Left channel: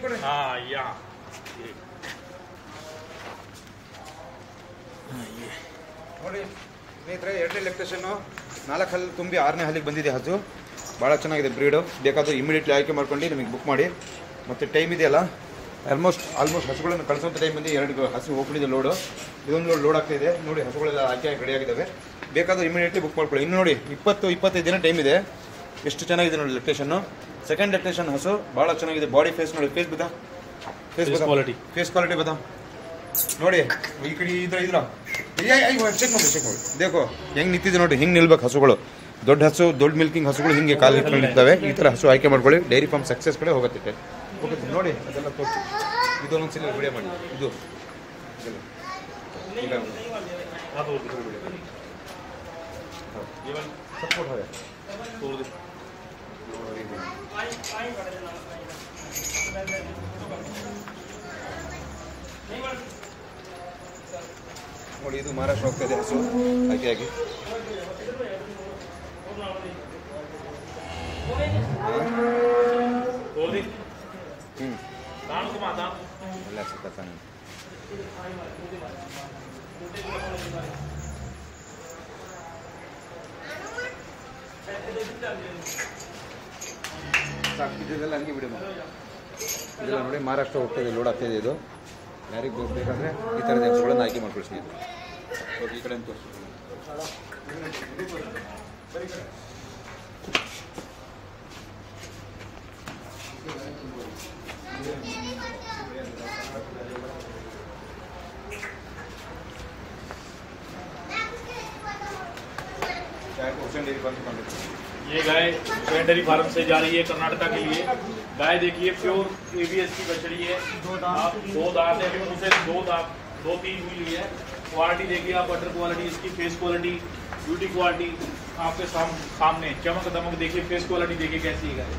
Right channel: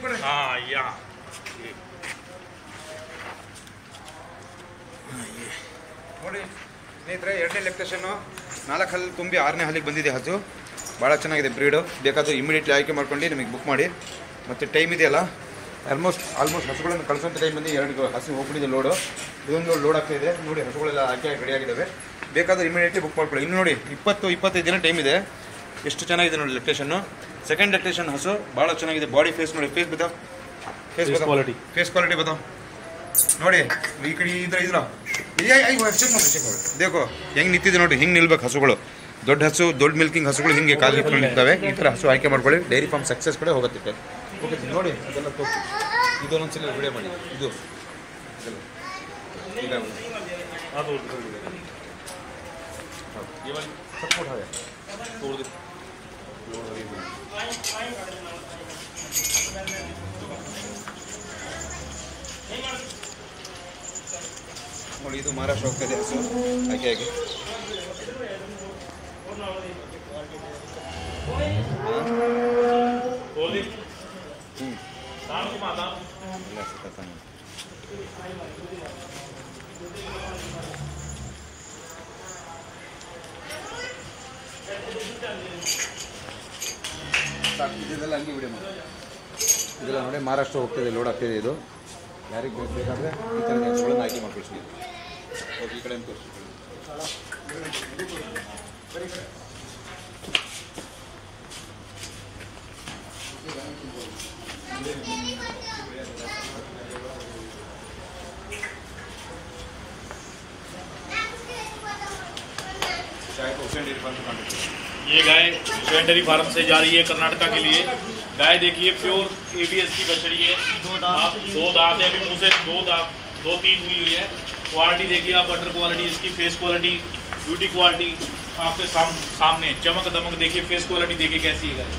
हाँ यहाँ ನೋಡಿ ಸ್ನೇಹಿತರೆ, ಎರಡನೇ ಲೆಕ್ಟೇಷನ್ನು 4 ಹಲ್ಲು ತುಂಬಿ 6ನೇ ಹಲ್ಲಿಗೆ ಬಂದಿದೆ ಹಸು. ಭಾಳ ಚೆನ್ನಾಗಿದೆ ಬ್ರೀಡು. ಬೇಕಾದರೂ ಇಮಿಡಿಯೇಟ್ಲಿ ಆಯ್ಕೆ ಮಾಡ್ಕೊಂಡು ನಿಮಗೆ ಬುಕ್ ಮಾಡಿ. ಮತ್ತು ಟೈಮ್ ಇದೆಯಲ್ಲ, ಆಲ್ಮೋಸ್ಟ್ ಹಸುಗಳನ್ನು ಕಳಿಸೋಂಥ ಟೈಮಲ್ಲಿ 2 ಹಸು ಹೋಗ್ಬಿಟ್ಟಿದೆ ಲೋಡು. ಇದೊಂದು ಲೋಡ್ ಆಗ್ತಾ ಇದೆ ನೋಡಿ. ಹಸುಗಳೆಲ್ಲ ಆಯ್ಕೆ ರೆಡಿಯಾಗಿದ್ದಾವೆ. ಬೇಕಾದರೆ ಇಮಿಡಿಯೇಟ್ಲಿ ಬುಕ್ ಮಾಡ್ಕೊಳ್ಳಿ. ಇನ್ನು ನೋಡಿ 20-25 ದಿನ ಟೈಮ್ ಇದೆ. ಎಷ್ಟು ಚೆನ್ನಾಗಿದೆ ನೋಡಿ ಲೆಕ್ಟೇಷನ್ನು. ಸೆಕೆಂಡ್ ಲೆಕ್ಟೇಷನ್ ಹಸು ಭಾಳ ಚೆನ್ನಾಗಿದೆ. ಬಾಡಿ ಫೇಸ್ ನೋಡಿ, ಫೇಸ್ ಬತಾವ್, ಫೇಸ್ ಕ್ವಾಲಿಟಿ ಬತಾವ್ ನೋಡಿ. ಈ ಕಡೆ ಇದ್ರ ಚೆಕ್ ಮಾಡಿ ದೇಖೋ ಹೆಂಗೆ ನಿಂತಿದೆ ನೋಡಿ. ಹಿಂಗೆ ನಿಲ್ಬೇಕು ಹಸುಗಳು. ದೊಡ್ಡ ಹಸು, ದೊಡ್ಡ ಮಿಲ್ಕಿಂಗ್ ಹಸುಗಳು ಹಿಂಗೆ ಕಾಲು ಹಿಡ್ಕೊಂಡು ನಿಲ್ತವೆ. ಈ ಥರ ಹಸು ಆಯ್ಕೆ ಮಾಡ್ಕೊಳ್ಳಿ. ಡೈರಿ ಫಾರ್ಮ್ ಸಕ್ಸಸ್ ಕಡೆ ಹೋಗುತ್ತೆ. ಓಕೆ ನೋಡಿ, ಅದೆಲ್ಲ ತೋರಿಸಿ. ಇದೊಂದೊಂದ್ಸಲ ವಿಡಿಯೋ ಮಾಡಿ. ಇದು ಈಗ ನೋಡಿ, ಇದು ಮಹಾರಾಷ್ಟ್ರ ಹೋಗ್ತಾ ಇದೆ ಹಸು ಆಗಿ. ಇದೆಲ್ಲ ಹಂಗೆ ವಿಡಿಯೋ ಮಾಡಿ. ಇದೆಲ್ಲ ನೋಡಿ ಮಹಾರಾಷ್ಟ್ರ ಹೋಗ್ತದೆ, ಲೋಡ್ ಆಗ್ತದೆ. ಇದು ಯಾರಿಗೆ ಬೇಕಾದರೆ ಈ ಥರದ ಹಸುಗಳನ್ನು ಆಯ್ಕೆ ಮಾಡ್ಕೊಳ್ತೀನಿ. ಓಕೆ, ಈ ಕಡೆ ತೋರಿಸಿ. ये गाय हुसैन डेयरी फार्म से जा रही है कर्नाटका के लिए। गाय देखिए प्योर ABS की बछड़ी है। आप 2 दांत है, अभी मुँह से 2-3 हुई है। क्वालिटी देखिए आप, बटर क्वालिटी, इसकी फेस क्वालिटी, ब्यूटी क्वालिटी आपके सामने। चमक दमक देखिए, फेस क्वालिटी देखिए कैसी है गाय।